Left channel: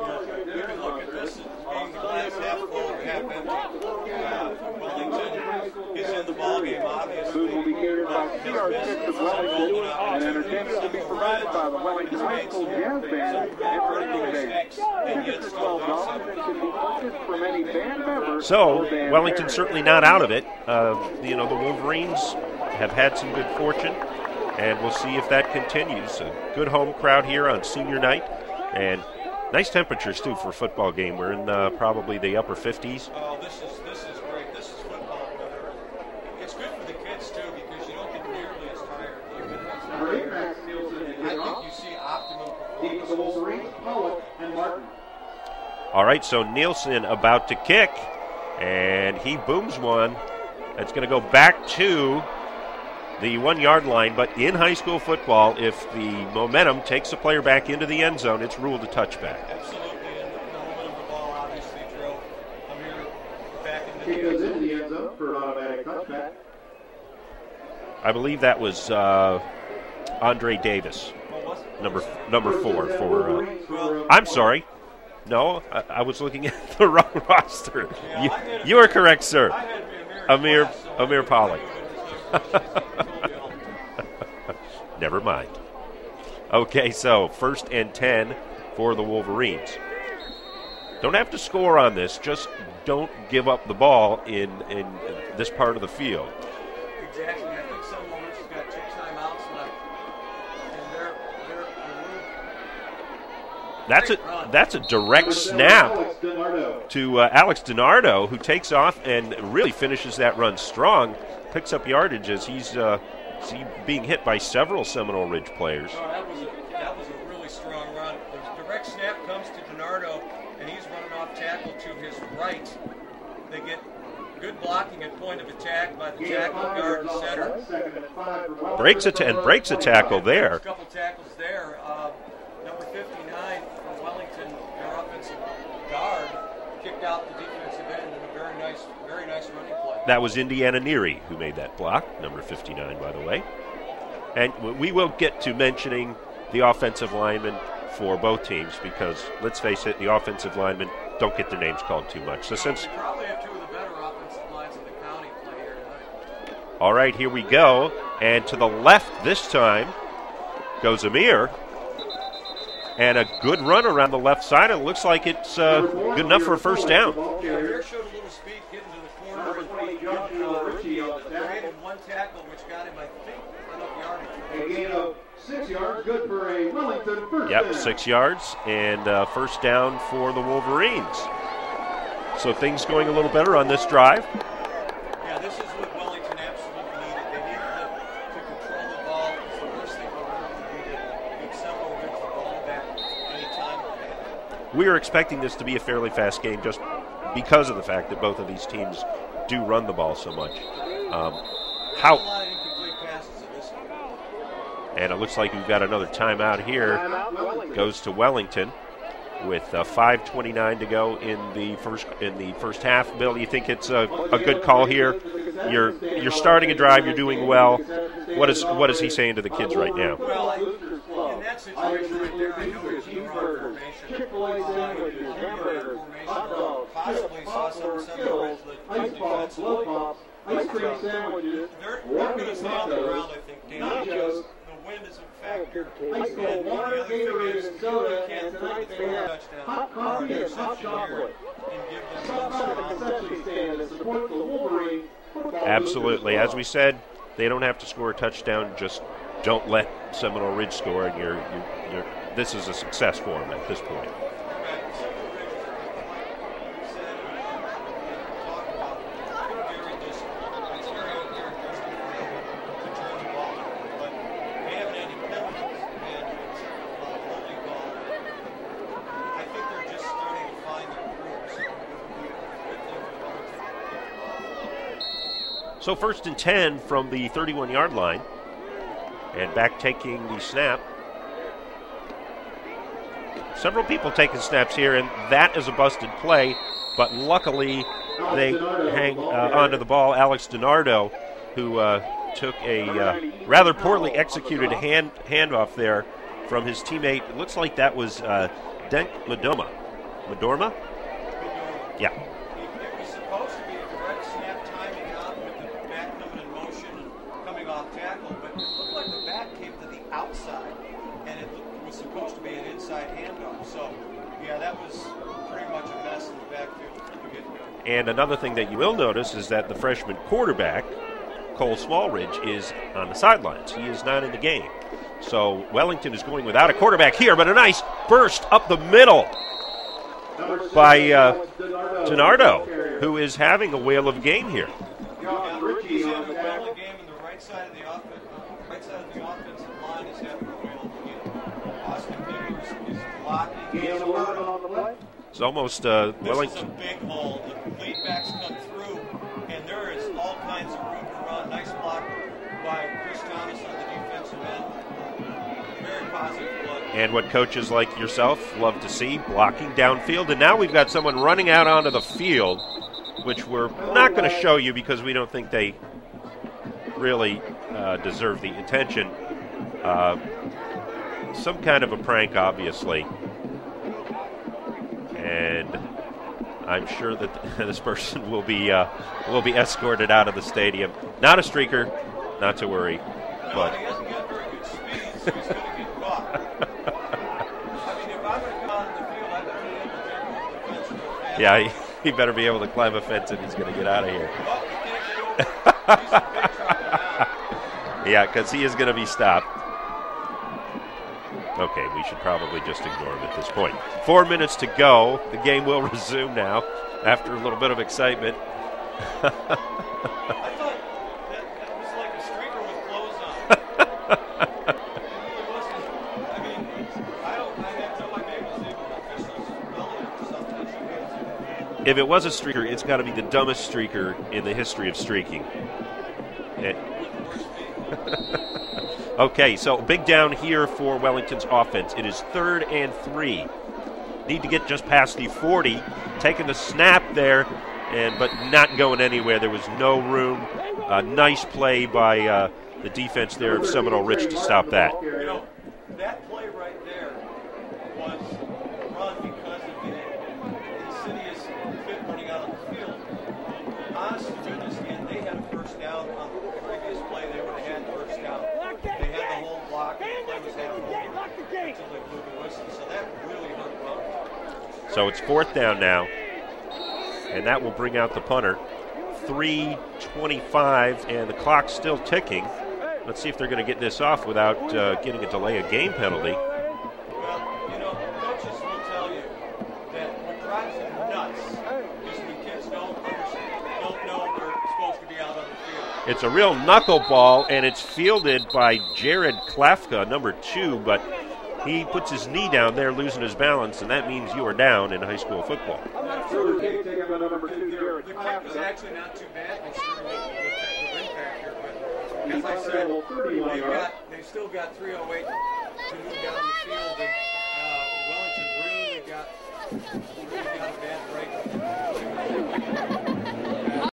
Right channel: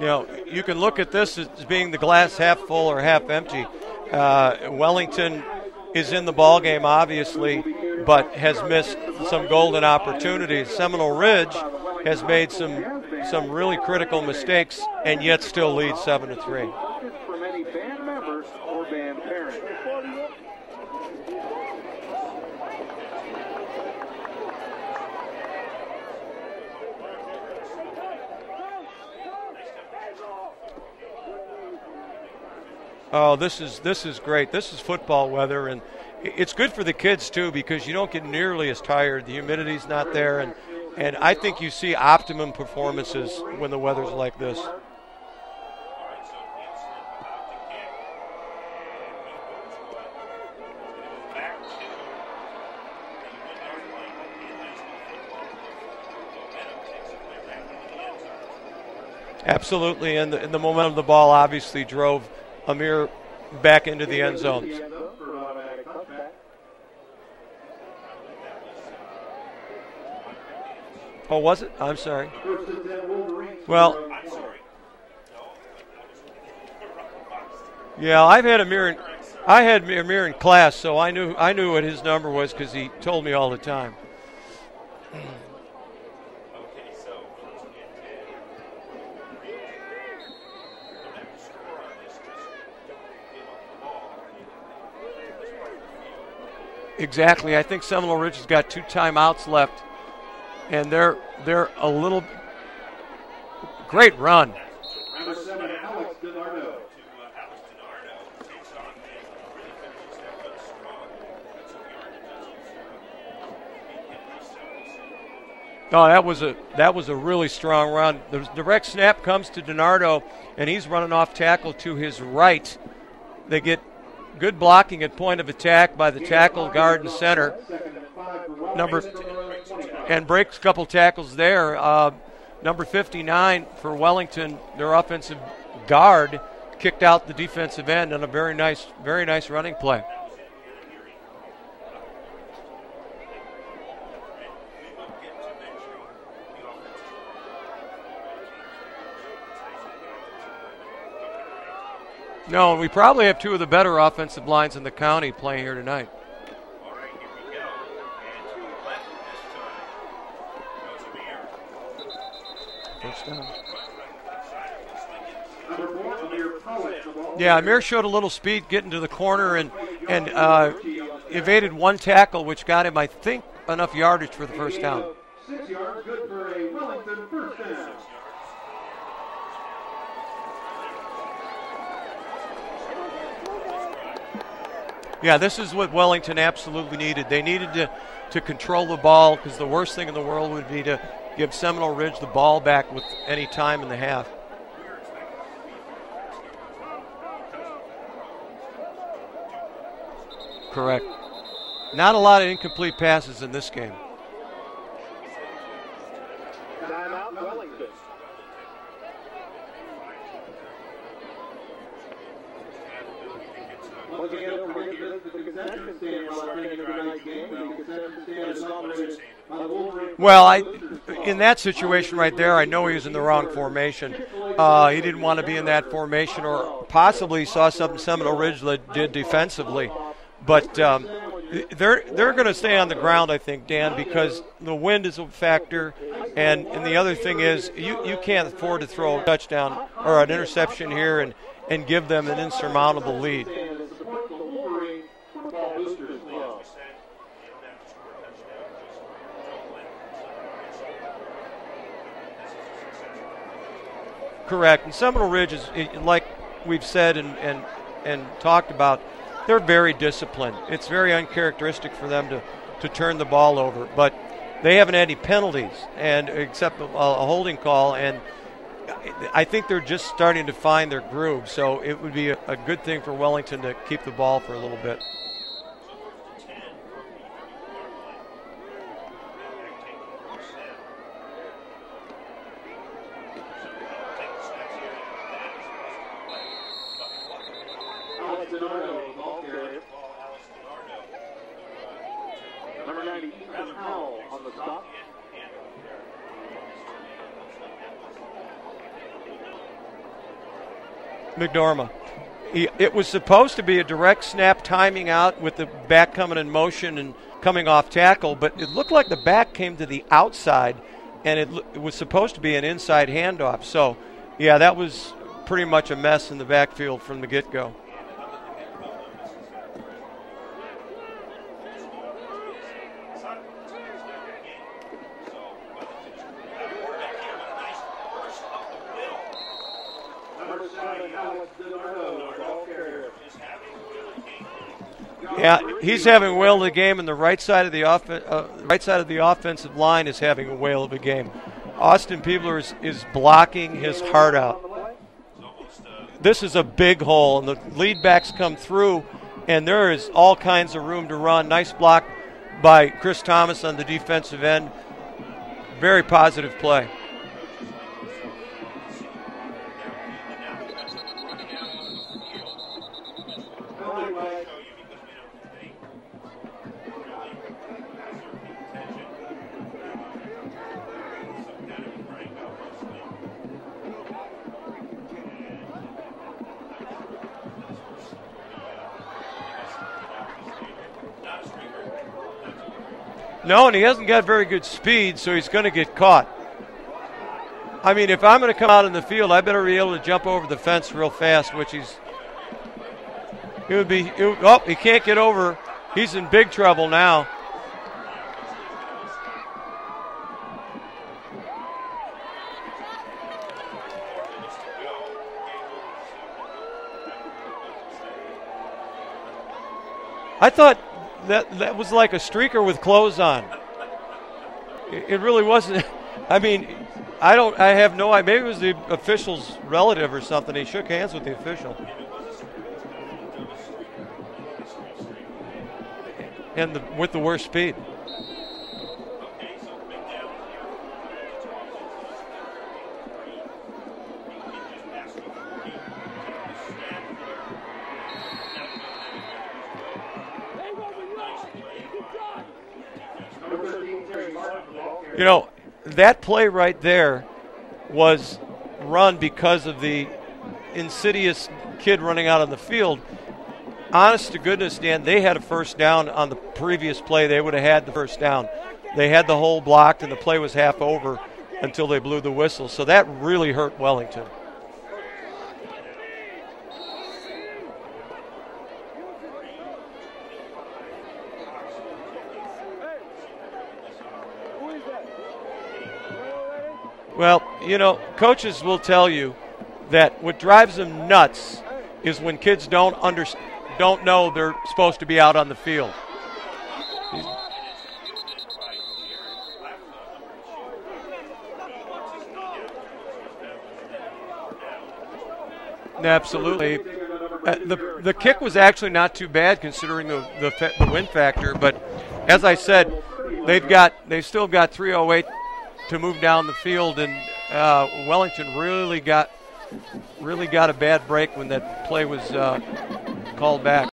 You know, you can look at this as being the glass half full or half empty. Wellington is in the ball game, obviously, but has missed some golden opportunities. Seminole Ridge has made some really critical mistakes and yet still leads 7-3. So Wellington certainly not out of it. You know, the Wolverines have had some good fortune, and we'll see if that continues. A good home crowd here on senior night, and nice temperatures too for a football game. We're in probably the upper 50s. Oh, this is great. This is football weather, and it's good for the kids too because you don't get nearly as tired. The humidity's not there, and I think you see optimum performances when the weather's like this. All right, so Nielsen about to kick, and he booms one. It's going to go back to the 1-yard line, but in high school football, if the momentum takes a player back into the end zone, it's ruled a touchback. Absolutely, and the momentum of the ball obviously drove Amir back into the end zone. I believe that was Andre Davis. Oh, was it? I'm sorry. Number 4 for. Well, I'm sorry. No, I was looking at the wrong roster. Yeah, I've had Amir. You are correct, sir. I had Amir in class, so I knew what his number was because he told me all the time. Never mind. Okay, so 1st and 10 for the Wolverines. Don't have to score on this. Just don't give up the ball in this part of the field. Exactly. I think Seminole Ridge has got 2 timeouts left, and they're a little. Great run. That's a direct snap to Alex DiNardo, who takes off and really finishes that run strong, picks up yardage as he's being hit by several Seminole Ridge players. Oh, that was a really strong run. The direct snap comes to DiNardo, and he's running off tackle to his right. They get good blocking at point of attack by the tackle, guard, and center. Breaks a tackle and there. Breaks a couple tackles there. Number 59 for Wellington, their offensive guard, kicked out the defensive end on a very nice running play. That was Indiana Neary who made that block, number 59, by the way. And we will get to mentioning the offensive linemen for both teams because, let's face it, the offensive linemen don't get their names called too much. We probably have 2 of the better offensive lines in the county playing here tonight. All right, here we go. And to the left this time goes Amir. And a good run around the left side. It looks like it's good enough for a first down. Yeah, Amir showed a little speed getting to the corner and evaded 1 tackle, which got him, I think, enough yardage for the first down. Yep, 6 yards and first down for the Wolverines. So things going a little better on this drive. Yeah, this is what Wellington absolutely needed. They needed to control the ball because the worst thing in the world would be to give Seminole Ridge the ball back with any time in the half. We are expecting this to be a fairly fast game just because of the fact that both of these teams do run the ball so much. Correct. Not a lot of incomplete passes in this game. And it looks like we've got another timeout here. Goes to Wellington with 5:29 to go in the first half. Bill, do you think it's a good call here? You're starting a drive. You're doing well. What is he saying to the kids right now? Well, in that situation right there, I know he was in the wrong formation. He didn't want to be in that formation, or possibly saw something Seminole Ridge did defensively. But they're going to stay on the ground, I think, Dan, because the wind is a factor. And the other thing is you can't afford to throw a touchdown or an interception here and give them an insurmountable lead. Absolutely. As we said, they don't have to score a touchdown. Just don't let Seminole Ridge score, and this is a success for them at this point. Correct. And Seminole Ridge is like we've said and talked about, they're very disciplined. It's very uncharacteristic for them to turn the ball over. But they haven't had any penalties except a holding call, and I think they're just starting to find their groove. So it would be a good thing for Wellington to keep the ball for a little bit. So 1st and 10 from the 31-yard line. And back taking the snap. Several people taking snaps here, and that is a busted play. But luckily, they hang onto the ball. Alex DiNardo, who took a rather poorly executed handoff there from his teammate. It looks like that was Dent Madoma. McDormand. Yeah. It was supposed to be a direct snap timing out with the back coming in motion and coming off tackle, but it looked like the back came to the outside, and it was supposed to be an inside handoff. So, yeah, that was pretty much a mess in the backfield from the get-go. And another thing that you will notice is that the freshman quarterback, Cole Smallridge, is on the sidelines. He is not in the game. So Wellington is going without a quarterback here, but a nice burst up the middle by Gennardo, who is having a whale of a game here. Yeah, he's having a whale of a game, and the right side of the offensive line is having a whale of a game. Austin Peebler is blocking his heart out. It's almost. This is a big hole, and the lead backs come through, and there is all kinds of room to run. Nice block by Chris Thomas on the defensive end. Very positive play. And what coaches like yourself love to see, blocking downfield. And now we've got someone running out onto the field, which we're not going to show you because we don't think they really deserve the attention. Some kind of a prank, obviously. And I'm sure that this person will be escorted out of the stadium. Not a streaker, not to worry. No, and he hasn't got very good speed, so he's going to get caught. I mean, if I'm going to come out in the field, I better be able to jump over the fence real fast. Yeah, he better be able to climb a fence and he's going to get out of here. Oh, he can't get over. He's in big trouble now. Yeah, because he is going to be stopped. Okay, we should probably just ignore him at this point. 4 minutes to go. The game will resume now after a little bit of excitement. I thought that was like a streaker with clothes on. It really wasn't. I mean, I have no idea. Maybe it was the official's relative or something. He shook hands with the official. If it was a streaker, it's got to be the dumbest streaker in the history of streaking. And with the worst speed. Okay, so big down here for Wellington's offense. It is 3rd and 3. Need to get just past the 40. Taking the snap there, but not going anywhere. There was no room. A nice play by the defense there of Seminole Ridge to stop that. You know, that play right there was run because of the insidious kid running out on the field. Honest to goodness, Dan, they had a first down on the previous play. They would have had the first down. They had the hole blocked, and the play was half over until they blew the whistle. So that really hurt Wellington. So it's 4th down now, and that will bring out the punter. 3:25, and the clock's still ticking. Let's see if they're going to get this off without getting a delay of game penalty. Well, you know, coaches will tell you that what drives them nuts is when kids don't know they're supposed to be out on the field. It's a real knuckleball, and it's fielded by Jared Klafka, number 2, but he puts his knee down there, losing his balance, and that means you are down in high school football. Absolutely. The kick was actually not too bad considering the wind factor, but as I said, they've still got 3:08 to move down the field, and Wellington really got a bad break when that play was called back.